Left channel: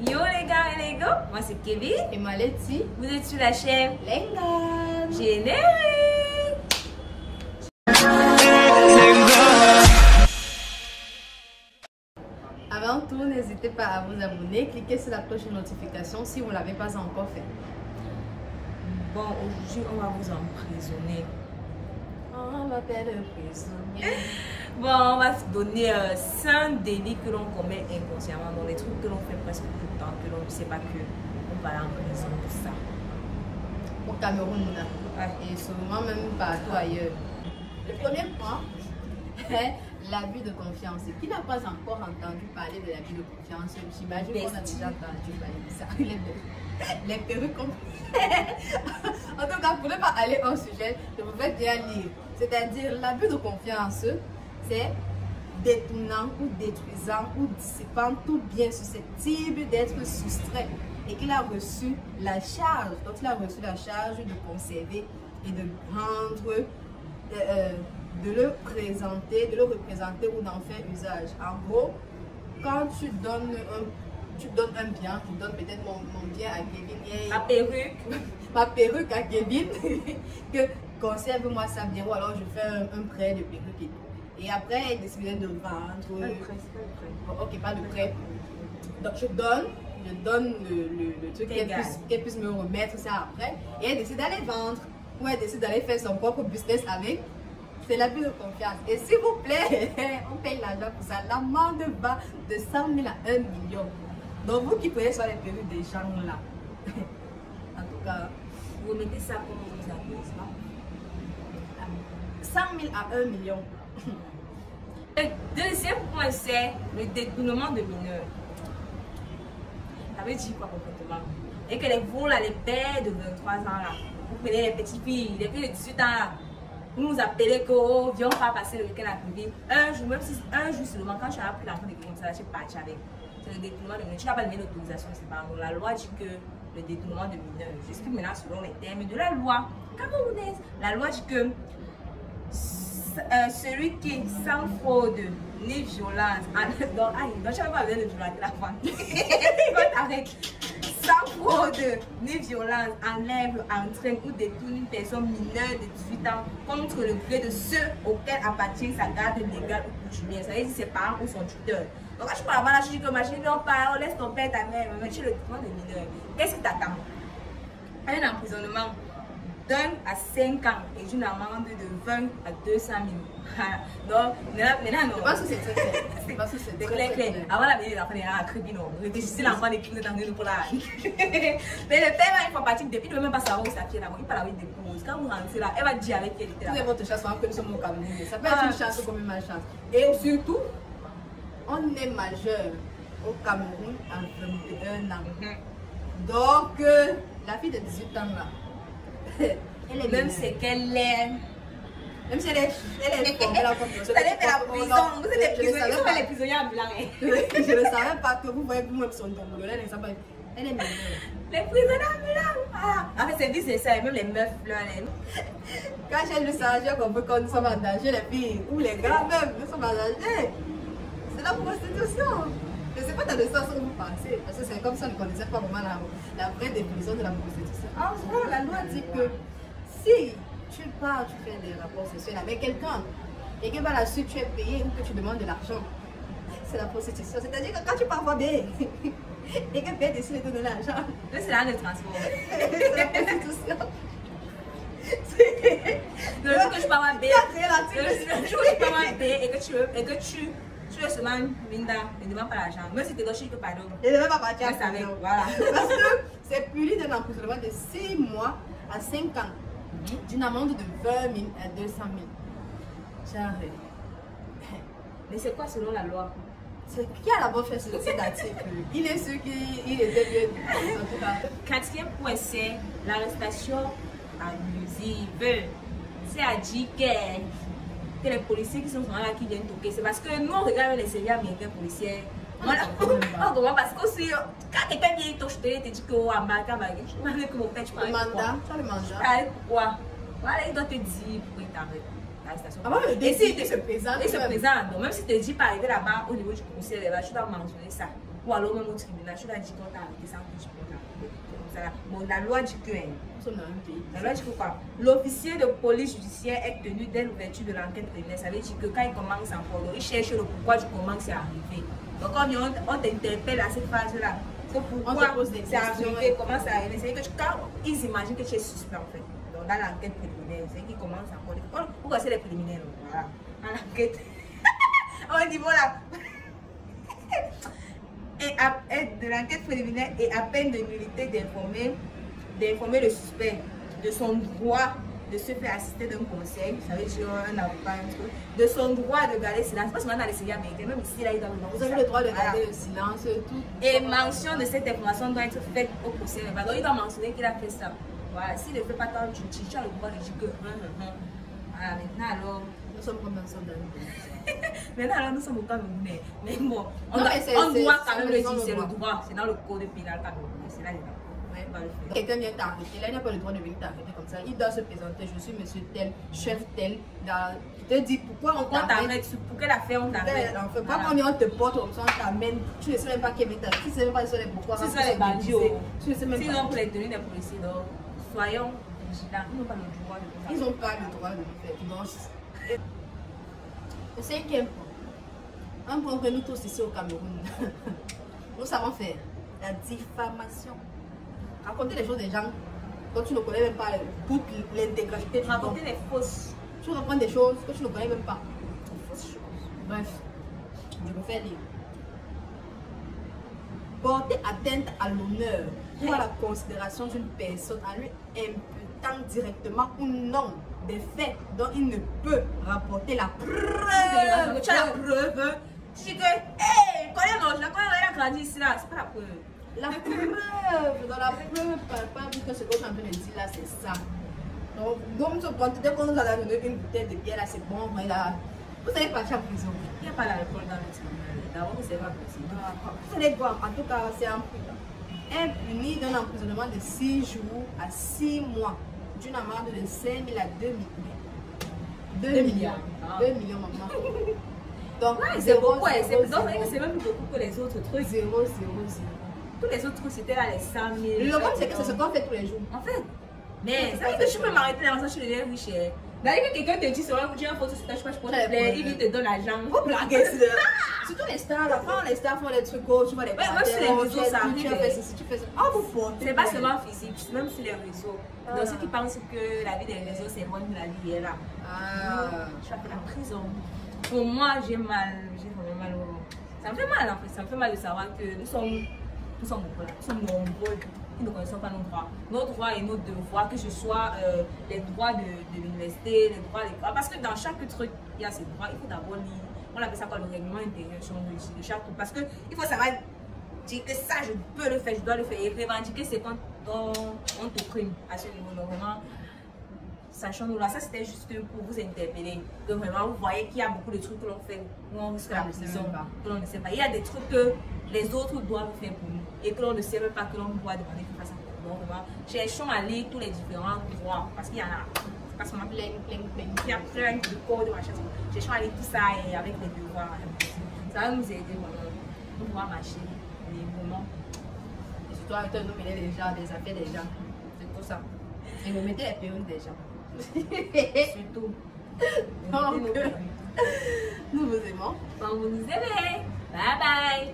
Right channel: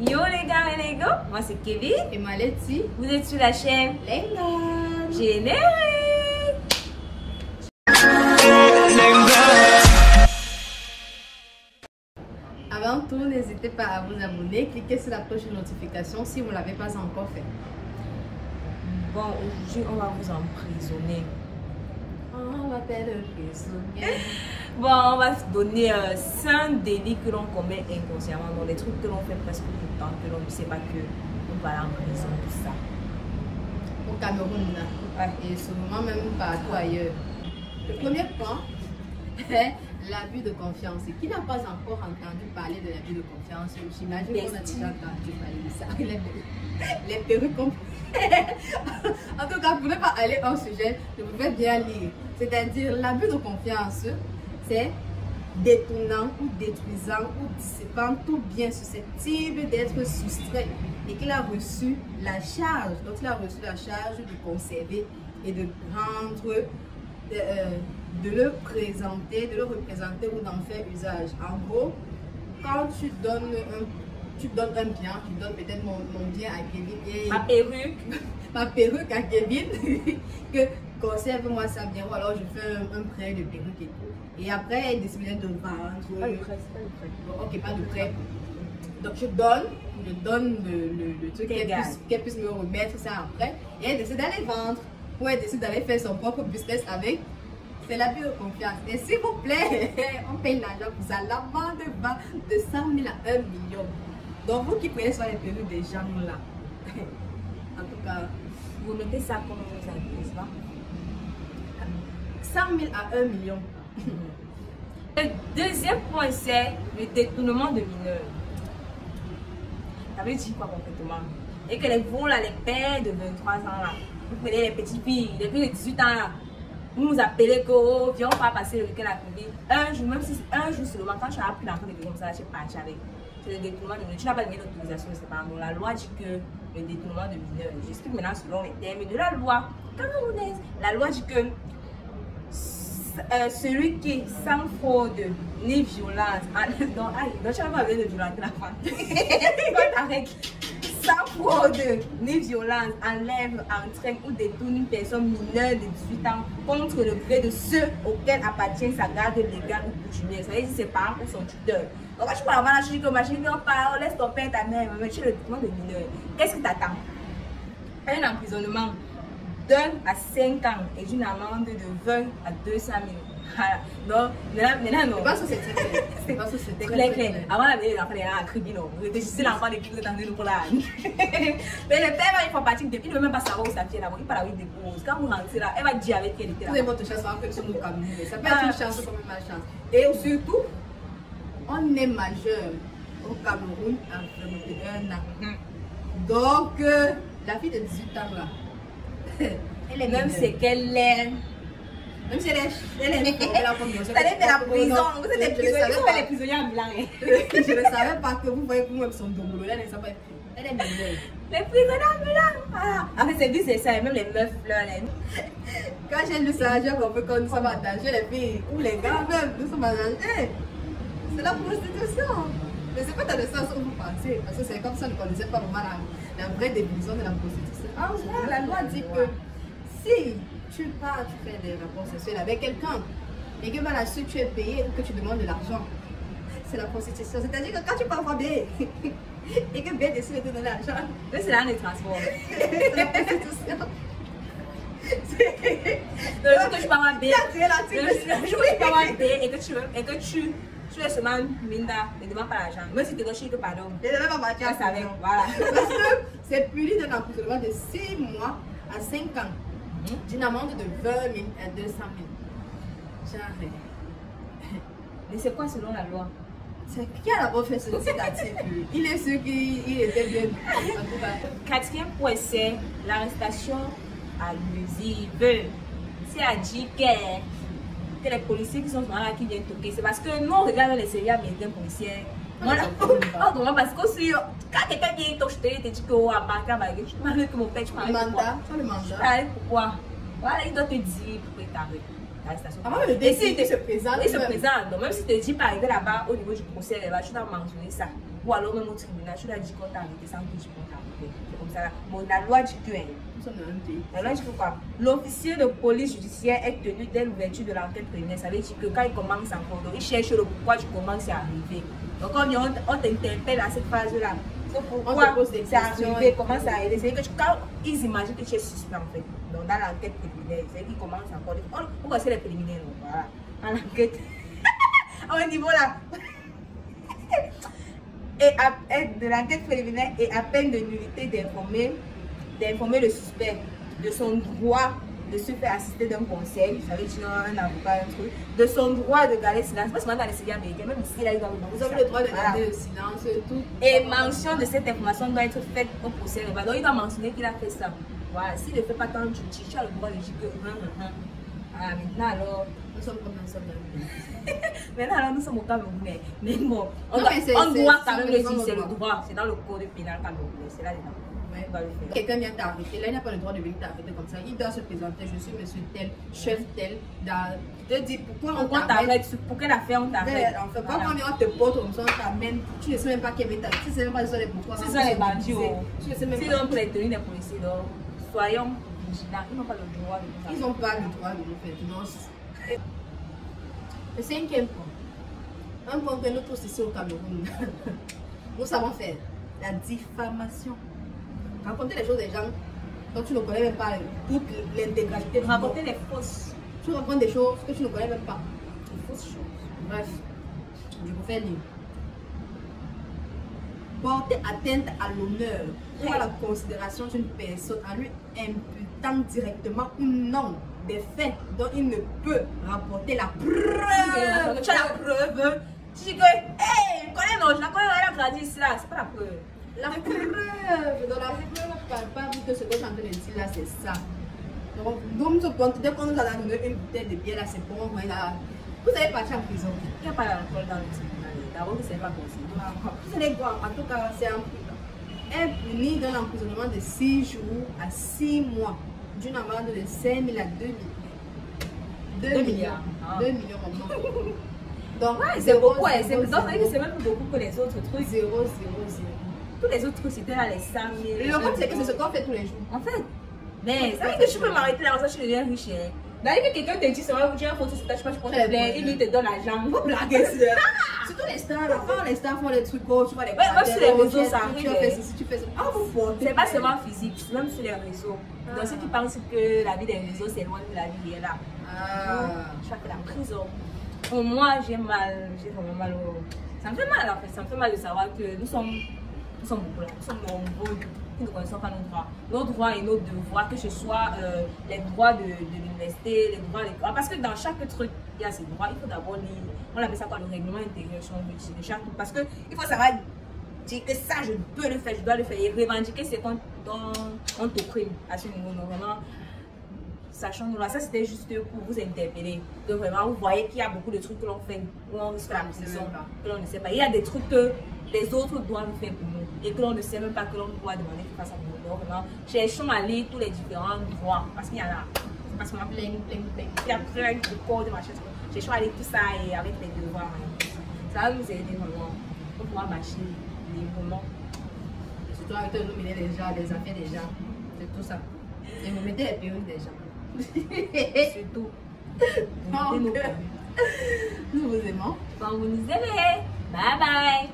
Yo les gars et les gars, moi c'est Kevin. Et moi Letty. Vous êtes sur la chaîne Lengan. Générique. Avant tout, n'hésitez pas à vous abonner, cliquez sur la cloche de notification si vous ne l'avez pas encore fait. Bon, aujourd'hui on va vous emprisonner. On m'appelle prisonnier. Bon, on va se donner 5 délits que l'on commet inconsciemment, dans les trucs que l'on fait presque tout le temps, que l'on ne sait pas que on va aller en prison, tout ça. Au Cameroun, Ouais. et souvent même partout ailleurs. Le premier point est l'abus de confiance. Et qui n'a pas encore entendu parler de l'abus de confiance? J'imagine qu'on a déjà entendu parler de ça. Les perruques. En tout cas, pour ne pas aller en sujet, je pouvais bien lire. C'est-à-dire, l'abus de confiance, c'est détournant ou détruisant ou dissipant tout bien susceptible d'être soustrait et qu'il a reçu la charge, donc il a reçu la charge de conserver et de rendre, de le présenter, de le représenter ou d'en faire usage. En gros, quand tu donnes un bien, tu donnes peut-être mon bien à Kevin. Ma perruque. Ma perruque à Kevin, que conserve-moi ça bien, ou alors je fais un prêt de perruque et tout. Et après, il décide de vendre. Pas de prêt, c'est pas de prêt. Bon, ok, pas de prêt. Donc je donne le truc qu'elle puisse me remettre ça après. Et elle décide d'aller vendre. Ou elle décide d'aller faire son propre business avec. C'est l'abus de confiance. Et s'il vous plaît, on paye l'argent pour ça. L'amende va de 100 000 à 1 million. Donc vous qui prenez sur les perruques des gens là. En tout cas, Vous mettez ça comme ça, n'est-ce pas? 100 000 à 1 million. Le deuxième point, c'est le détournement de mineurs. Ça veut dire quoi concrètement? Et que les gros là, les pères de 23 ans là, vous prenez les petites filles, les filles de 18 ans là, vous nous appelez que oh, viens, on va passer le week-end à Kevin. Un jour, même si un jour seulement, quand tu as appris l'enfant de Kevin, ça, tu es parti avec. C'est le détournement de mineurs. Tu n'as pas donné l'autorisation de ses parents. Donc la loi dit que le détournement de mineurs, j'explique maintenant selon les termes de la loi camerounaise. La loi dit que celui qui sans fraude ni violence, donc tu n'as pas besoin de violenter la femme. Sans fraude ni violence, enlève, entraîne ou détourne une personne mineure de 18 ans contre le gré de ceux auxquels appartient sa garde légale ou coutumière, c'est-à-dire ses parents ou son tuteur. Donc quand tu peux avoir la chic, on laisse ton père, ta mère, mais tu es le détournement de mineur. Qu'est-ce qui t'attend? Un emprisonnement d'1 à 5 ans et d'une amende de 20 à 200 000. Voilà. Donc, maintenant, non. Je pense que c'est très clair. Avant la venue de l'enfant, il y a un tribunal. Réfléchissez l'enfant des clients dans nous pour la. Mais le père, là, il faut partir depuis. Il ne veut même pas savoir où sa fille est là. Il parle avec des pauses. Quand vous rentrez là, elle va dire avec qui elle était là. Tous les mots de chance sont que nous camerounais. Ça peut être une chance comme une malchance. Et surtout, on est majeur au Cameroun en 21 ans. Donc, la fille de 18 ans là, elle est même c'est qu'elle est. Même si elle est vous allez faire la prison. Vous êtes les prisonniers ambulants. Je ne savais pas que vous voyez pour moi son dombolo. Elle ne sait pas. Elle est mineure. Les prisonniers ambulants. En fait, c'est dit, c'est ça. Même les meufs là. Quand j'ai lu ça, j'ai compris que nous sommes en danger, les filles ou les gars même, nous sommes en danger. C'est la prostitution. Je ne sais pas dans le sens où vous pensez, parce que c'est comme ça on ne connaissait pas vraiment la vraie définition de la prostitution. En fait, la loi dit que si tu pars, tu fais des rapports sexuels avec quelqu'un et que par la suite tu es payé ou que tu demandes de l'argent, c'est la prostitution. C'est-à-dire que quand tu pars bien et que bien décide de te donner l'argent, c'est là les transports. c'est la prostitution. Le jour que tu vas bien, le jour où tu vas bien et que tu es seulement minda, ne demande pas l'argent. Même si tu es gaucher, que pardon. Je ne vais pas partir. Voilà. Parce que c'est puni d'un emprisonnement de 6 mois à 5 ans, d'une amende de 20 000 à 200 000. J'arrête. Mais c'est quoi selon la loi? C'est qui a d'abord fait ce article? Il est sûr qu'il était bien. En tout cas. Quatrième point, c'est l'arrestation abusive. C'est à dire que les policiers qui sont souvent là qui viennent toquer. C'est parce que nous on regarde les séries américaines policières. Voilà. Parce que si quand quelqu'un vient t'acheter, il te dit que oh, en bas, tu m'as dit que mon père, tu m'as dit le mandat. Pourquoi? Voilà, il doit te dire pourquoi il t'arrête. L'arrestation. Avant le décès, il se présente. Il se présente. Donc, même si tu te dis pas arriver là-bas au niveau du procès, tu dois mentionner ça. ou alors même au tribunal, tu l'as dit qu'on t'a arrêté sans que tu peux t'arrêter. C'est comme ça là. Bon, la loi dit que nous sommes dans un pays. La loi dit que quoi? L'officier de police judiciaire est tenu dès l'ouverture de l'enquête préliminaire. Ça veut dire que quand il commence encore, il cherche le pourquoi tu commences à arriver. Donc quand on t'interpelle à cette phase-là, pourquoi c'est arrivé, comment ça arrive. C'est que quand ils imaginent que tu es suspect en fait, donc dans l'enquête préliminaire, c'est qu'ils commencent encore. Pourquoi c'est les préliminaires? Voilà. Dans l'enquête. Au niveau là. Et de l'enquête préliminaire et à peine de nullité d'informer le suspect de son droit de se faire assister d'un conseil, ça veut dire un avocat, un truc, de son droit de garder silence. Parce que maintenant, les séries américaines, même ici, là, vous avez le droit de garder le silence, tout. Et mention de cette information doit être faite au procès. Donc, il doit mentionner qu'il a fait ça. Voilà, s'il ne fait pas tant, tu as le droit de dire que. Ah, maintenant, alors. Nous sommes comme nous sommes. Maintenant, alors, nous sommes au Camerounais. Mais bon, on doit quand même le dire, c'est le droit. C'est dans le code pénal camerounais. C'est là, dedans. Quelqu'un vient t'arrêter, là il n'a pas le droit de venir t'arrêter comme ça. Il doit se présenter, je suis monsieur tel, chef tel, te dire pourquoi on t'arrête, pour quelle affaire on t'arrête. Enfin, quand on te porte comme ça, on t'amène, tu ne sais même pas qui vient t'arrêter, tu ne sais même pas les pourquoi. Ce sont les bandits, tu ne sais même pas. Sinon, pour les tenues des policiers, donc soyons vigilants, ils n'ont pas le droit de nous faire. Ils n'ont pas le droit de nous faire. Le cinquième point, un point que nous tous ici au Cameroun, nous savons faire, la diffamation. Raconter les choses des gens quand tu ne connais même pas toute l'intégralité. Raconter des fausses. Tu racontes des choses que tu ne connais même pas. Des fausses choses. Bref, je vous fais lire. Porter atteinte à l'honneur ou à la considération d'une personne en lui imputant directement ou non des faits dont il ne peut rapporter la preuve. Tu as la preuve. Tu dis que, hé, connais non, je la connais, elle a grandi ici là, c'est pas la preuve. La preuve, dans la preuve palpable que ce que je suis en train de dire là, c'est ça. Donc, dès qu'on nous a donné une bouteille de bière là, c'est bon, vous allez partir en prison. Il n'y a pas d'alcool dans le tribunal, d'abord que c'est pas possible. Vous allez voir, en tout cas, c'est un prix. Impuni d'un emprisonnement de 6 jours à 6 mois, d'une amende de 5 000 à 2 millions. 2 milliards. 2 millions, maman. Donc, ouais, c'est beaucoup, c'est même plus beaucoup que les autres trucs. 0, 0, 0. Tous les autres trucs, c'était là les 100 000. Le problème, c'est que c'est ce qu'on fait tous les jours. En fait, mais ça veut dire que tu peux m'arrêter là, ça, tu deviens riche. D'ailleurs, que quelqu'un te dit, ça va vous dire un photo, c'est je sais pas, tu peux il te donne l'argent. Vous blaguez, surtout les stars, là, quand les stars font les trucs, oh, tu vois les même sur les réseaux, ça arrive. Tu fais ceci, tu fais ça. Ah, vous portez. C'est pas seulement physique, même sur les réseaux. Donc, ceux qui pensent que la vie des réseaux, c'est loin de la vie est là. Ah, tu as fait la prison. Pour moi, j'ai vraiment mal au. Ça me fait mal, en fait. Ça me fait mal de savoir que nous sommes nombreux qui ne connaissons pas nos droits et nos devoirs, que ce soit les droits de l'université, les droits des... Parce que dans chaque truc, il y a ces droits. Il faut d'abord lire, on appelle ça quoi, le règlement intérieur de chaque truc. Parce qu'il faut savoir dire que ça, je peux le faire, je dois le faire. Et revendiquer, c'est quand on te prime à ce niveau. Donc vraiment, sachant-nous là, ça c'était juste pour vous interpeller. Que vraiment, vous voyez qu'il y a beaucoup de trucs que l'on fait, où on risque la prison, que l'on ne sait pas. Il y a des trucs que les autres doivent faire pour nous et que l'on ne sait même pas que l'on doit demander qu'ils fassent à nous. Donc, cherchons à lire tous les différents droits parce qu'il y en a. C'est parce qu'on a plein. Il y a plein de codes de machin. Cherchons à lire tout ça et avec les devoirs. Ça va nous aider vraiment pour pouvoir marcher librement. Et surtout avec nous mener déjà les affaires des gens. C'est tout ça. Et nous mettez les périodes des gens. Surtout. Nous vous aimons. Bon, vous nous aimez. Bye bye.